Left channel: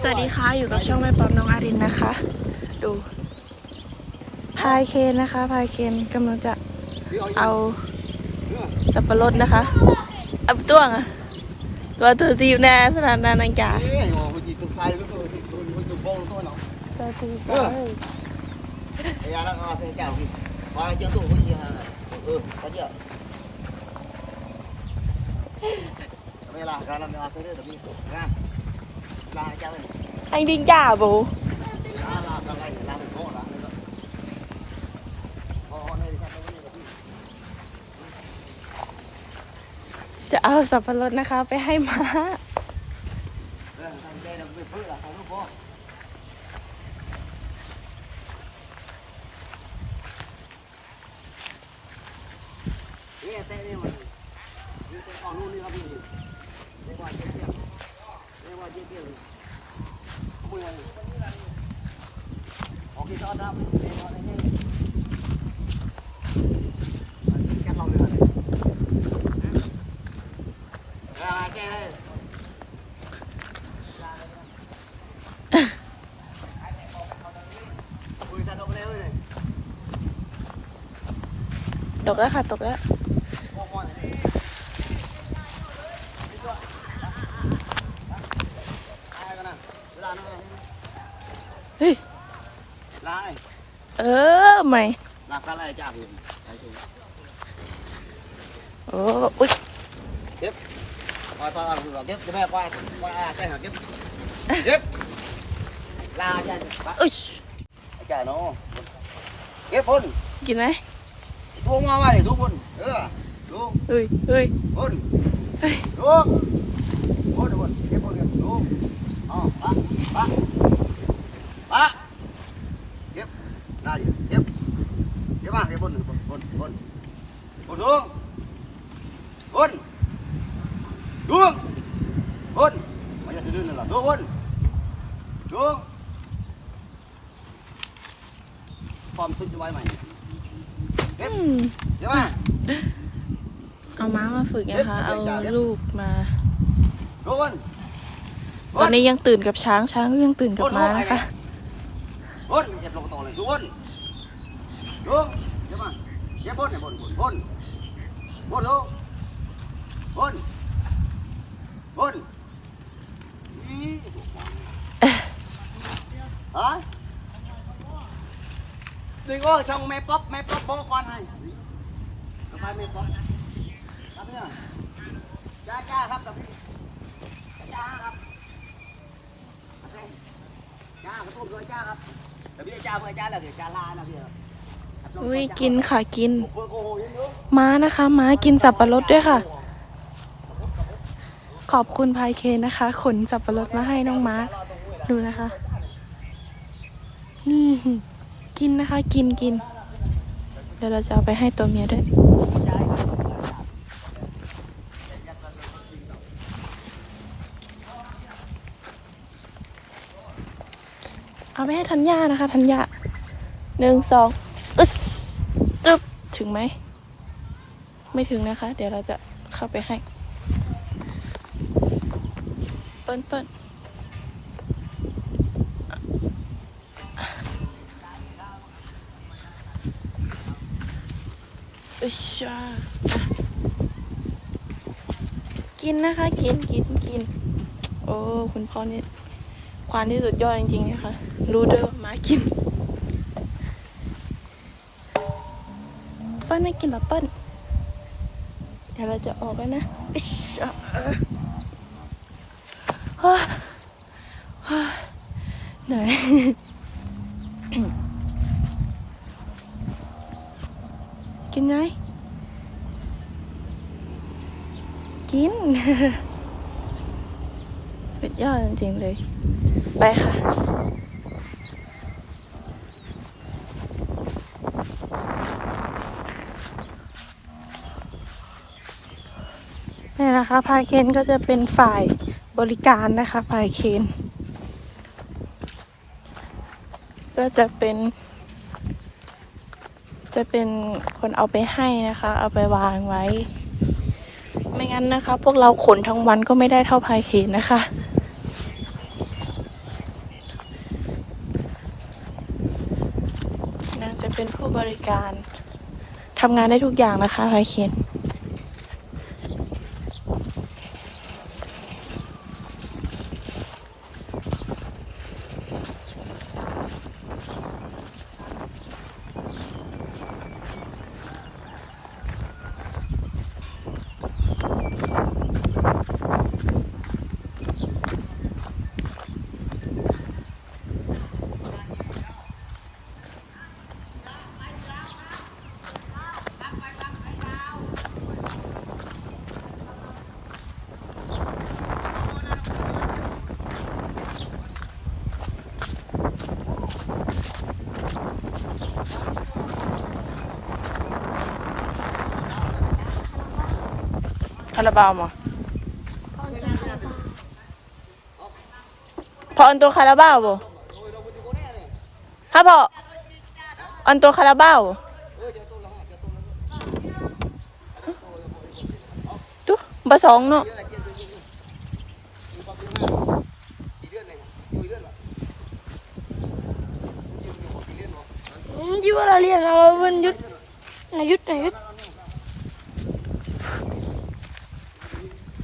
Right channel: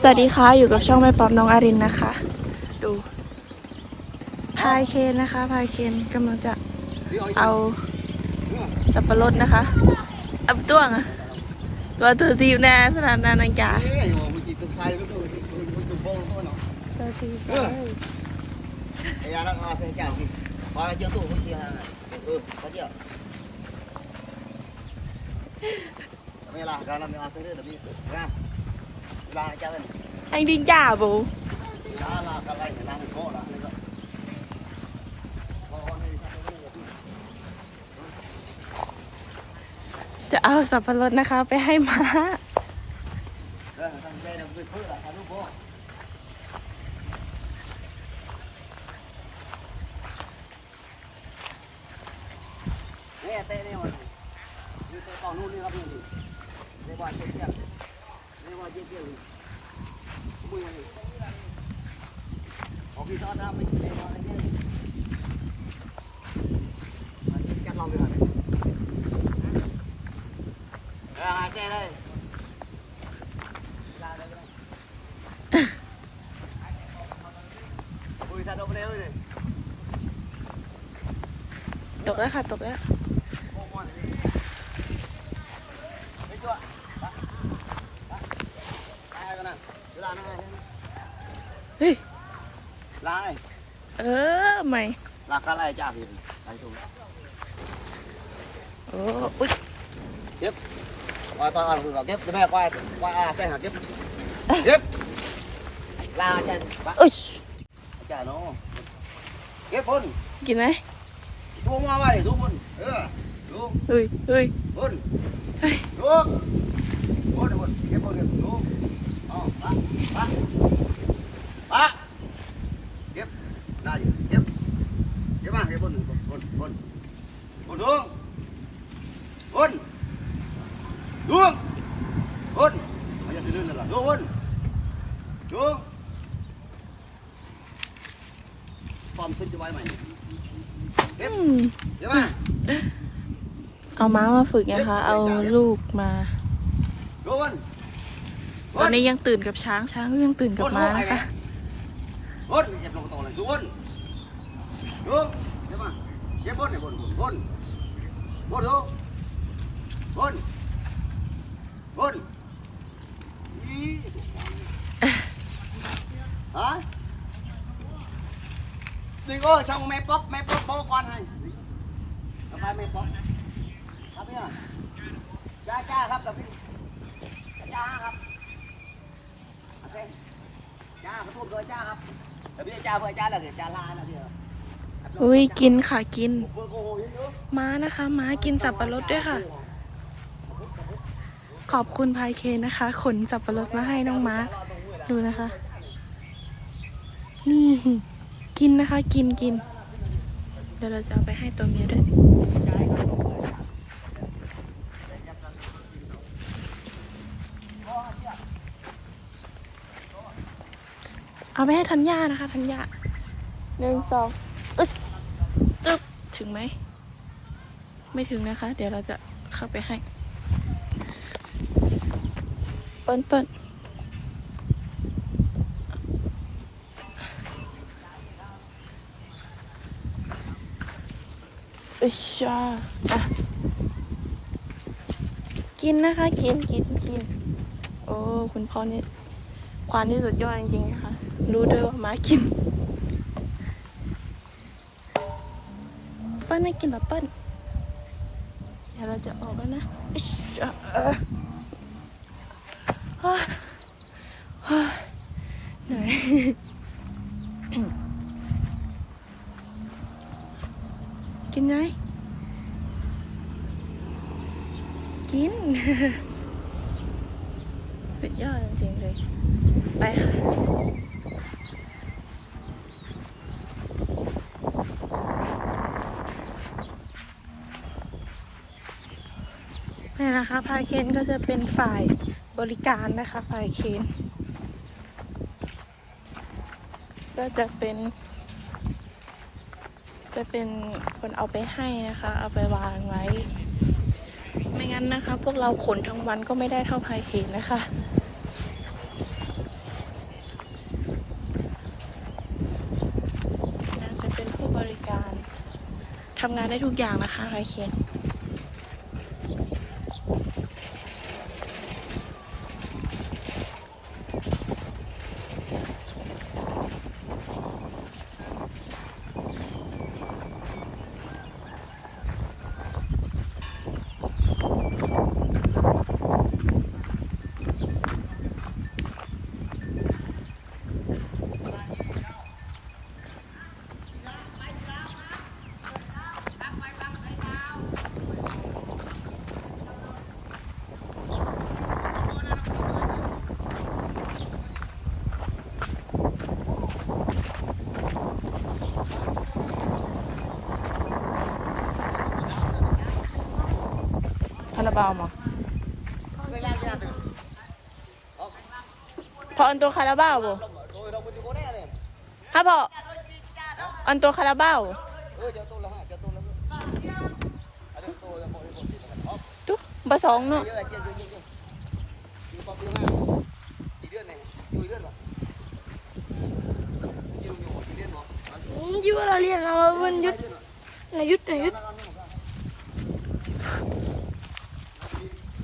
สวัสดีค่ะ อยู่กับช่องแม่ป๊อมน้องอารินนะคะ ดู พายเคนนะคะ พายเคนกำลังจะเอาสับปะรดนะคะเอาตัวงอะตัวตัวตีบแน่สนานนานังกาตัวตีบ Bây giờ nó ngon sẽ chào kì. Qua chưa tủ cái kia là ừ, có chưa? Bây là ra làm nó sẽ được đi. Ra. Là chào mình. อังดิงจ่าบู Là là la cho mình anh đi trả bố la la cái này la mình có đã nữa จะเอาสับปะรดนะคะ ไปให้ม้าเนี่ยเต้นี่มันนี่เต้กองนู่นนี่ครับนี่เรียกว่าเจี๊ยเรียกว่าเจี๊ย ตกแล้วค่ะ ตกแล้ว đây. Ui, ra đâu bên đây ơi này. ตกแล้วค่ะตกแล้ว Ngon ngon này này. Thấy chưa? Đó. Đó. Hai con này. Cứ ra nó này. เฮ้ย Lá này. เออใหม่ Là cá này chả gì. Đây chung. โอ๋อปะปะปะเก็บได้อเก็บเก็บมาเก็บบนหนึ่งบนบนบนบนดวงบนดวงบนไม่ใช่เรื่องนั่นแหละดวงบนดวงซ้อมสุดจะไว้ไหมเก็บเก็บมาเอาม้ามาฝึกนะคะ เอาลูกมาดวง ตอนนี้ยังตื่นกับช้างช้างก็ยังตื่นกับม้านะคะ Vun. Dẹp lồng tổ này. Xuống vun. Xuống. Tiếp mà. Tiếp vun này. Vun. Vun. Vun. Vun xuống. Vun. Vun. Ý. Hả? Đừng có trong mẹ bóp mẹ bóp bố con này. Tập bài mẹ bóp. Tập đi à? Cha cha ครับ tập đi. Cha ครับ cha có tuôn rồi cha ครับ แต่พี่จ้าเพื่อจ้าอะไรเดี๋ยวจ้าลานะพี่อุ้ยกินค่ะกิน ม้านะคะม้ากินสับปะรดด้วยค่ะ ขอบคุณพายเคนนะคะ ขนสับปะรดมาให้น้องม้า ดูนะคะ นี่ กินนะคะ กินกิน เดี๋ยวเราจะเอาไปให้ตัวเมียด้วย เอาไปให้ธัญญานะคะธัญญาหนึ่งสองอึ๊สจึ๊บถึงไหม ไม่ถึงนะคะ เดี๋ยวเราจะเข้าไปให้ เปิ้ลเปิ้ลอึชชาอะกินนะคะ กินกินกิน โอ้ คุณพ่อนี่ ควานที่สุดยอดจริงๆนะคะ รู้ด้วยว่าม้ากิน เปิ้ลไม่กินหรอเปิ้ลเดี๋ยวเราจะออกแล้วนะอิ๊ชอะเออฮ่าฮ่าเหนื่อยกินไหมกินสุดยอดจริงๆเลย ไปค่ะ นี่นะคะพายเคนก็จะเป็นฝ่ายบริการนะคะพายเคนก็จะเป็น จะเป็นคนเอาไปให้นะคะ เอาไปวางไว้ ไม่งั้นนะคะ พวกเราขนทั้งวันก็ไม่ได้เท่าพายเคนนะคะ จะเป็นผู้บริการทำงานได้ทุกอย่างนะคะไพเคนาราบาวมั้งพออันตัวคาราบาวบ่ฮะพออันตัวคาราบาวตุ๊บะสองเนาะยูอะไรเรียนเรามันยุดนายุดนายุด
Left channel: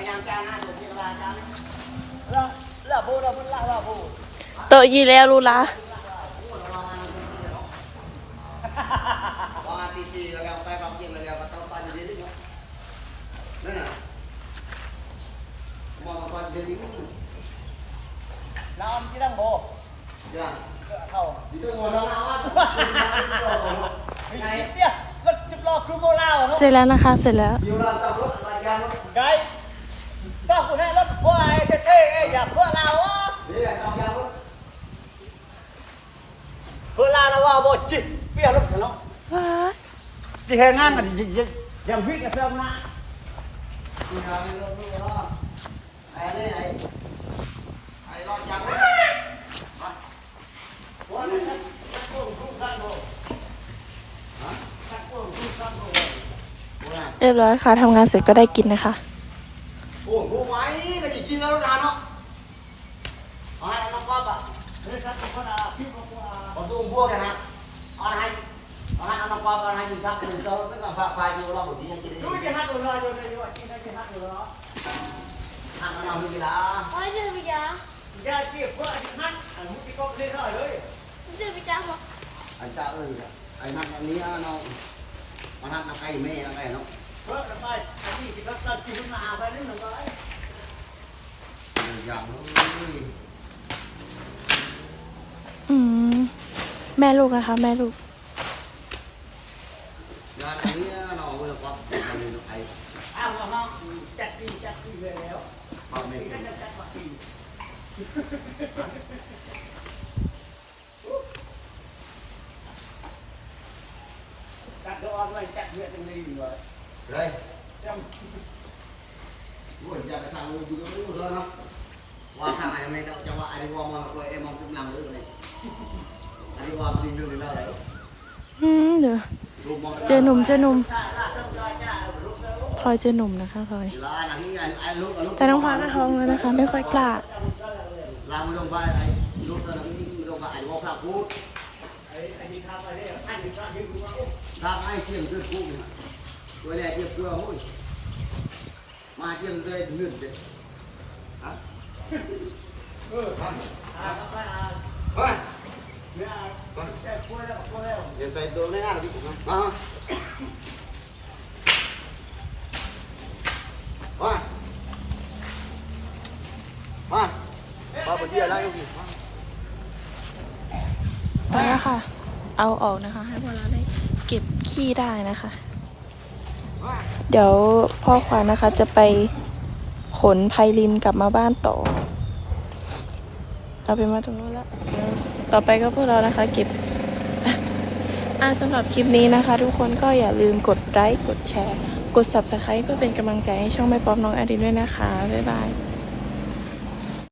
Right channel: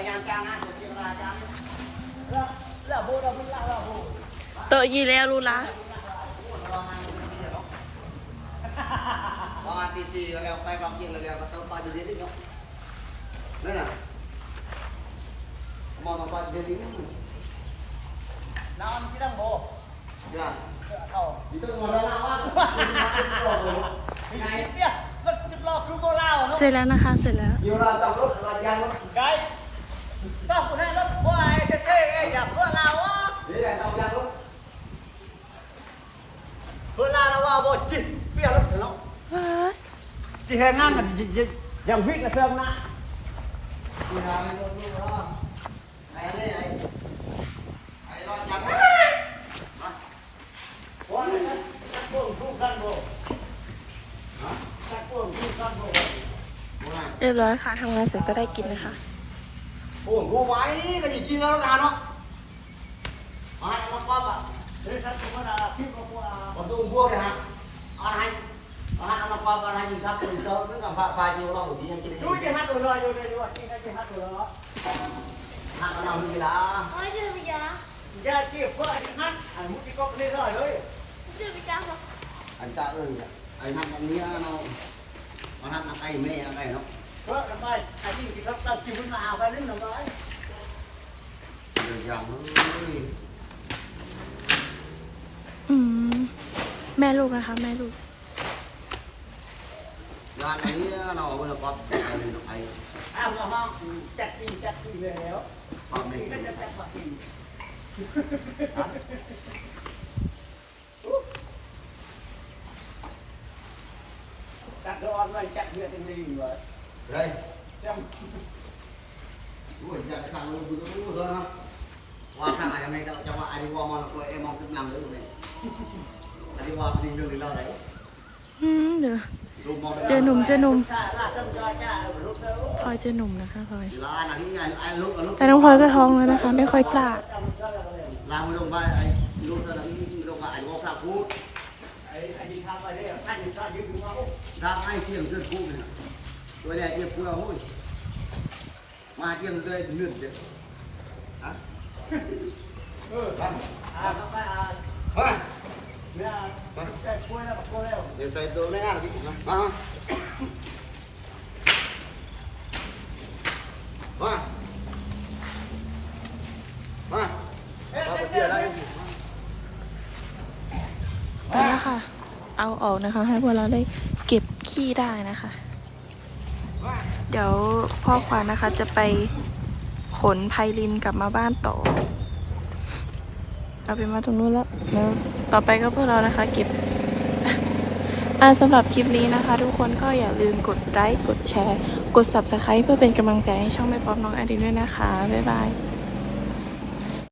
เฮ้ยยังรู้มาเฮ้ยเจ้านี่เลยฮะเพื่อยังจ้างงานอยู่ที่ตลาดจ้างโตะยีแล้วรู้ละประมาณตีสี่แล้วใต้ความจริงแล้วก็ต้องไปอยู่ดีๆเนาะนั่นน่ะมองไปอยู่ดีๆน้ำที่นั่งโบจ้ะดีตัวหัวเราอะเสร็จแล้วนะคะ เสร็จแล้ว เรียบร้อยค่ะทำงานเสร็จก็ได้กินนะคะ buồn cô quái cái gì chi ra nó ra nó hai năm qua bạn còn tôi mua kìa hả hai hai năm qua còn hai gì khác mình sớm với cả vài vài nhiều lo của chị anh chị đi hát rồi hát rồi hát rồi. Hát nó nào như vậy đã. Hát rồi bây giờ? Ra kia qua hát. Anh muốn đi con lên rồi đấy. Anh ta ơi anh hát anh nia nó. Anh hát nó cay mê nó cay nó อืม แม่ลูกนะคะ แม่ลูกอย่างนี้เนาะเวลาป๊อปไปเลยน้องไอ้ Ao nó nó Chặt đi chặt đi rồi ป๊อปไม่เห็น Chặt nó ăn vậy chặt việc gì mà เลย Trong โอ้ยอยากจะทำเลยดูดูเถอะนะว่าทางอะไรไม่ได้จังหวะอัน นี้ว่ามันปล่อยเอ็มองขึ้นหลังเลยเนี่ยอันนี้ว่าเป็นเรื่องหรือเล่าอะไรอืมเดี๋ยวรูปมองเจอหนุ่มเจอหนุ่มพลอยเจอหนุ่มนะคะพลอยลาหนังนี่ไอ้ลูกลูกแต่น้องพลอยก็ท้องแล้วนะคะไม่ค่อยกล้าลาไม่ลงไปไอ้ลูกตอนนั้นไม่ลงไปไอ้วอลพระพูด Anh đi thăm ở đây Anh đi thăm những đúng không ทางไอ้เสียงเสื้อพูดเนี่ย ตัวแรกเจ็บกลัวดโอ้ยมาเจียมเลยเลือดเด็ดฮะเฮ้ยเดี๋ยวใส่ตัวไม่ง่ายหรอกพี่มามามา มามาไปเยี่ยได้ยังไปแล้วค่ะเอาออกนะคะ ให้พวกเราได้เก็บขี้ได้นะคะ เดี๋ยวพ่อควานนะคะจะไปขนไพลินกลับมาบ้านต่อ เอาไปมาตรงนู้นแล้วแล้วต่อไปก็พวกเรานะคะ เก็บอ่าสำหรับคลิปนี้นะคะ ทุกคนก็อย่าลืมกดไลค์กดแชร์ กด subscribe เพื่อเป็นกำลังใจให้ช่องแม่ป๊อปน้องอารินด้วยนะคะ บ๊ายบาย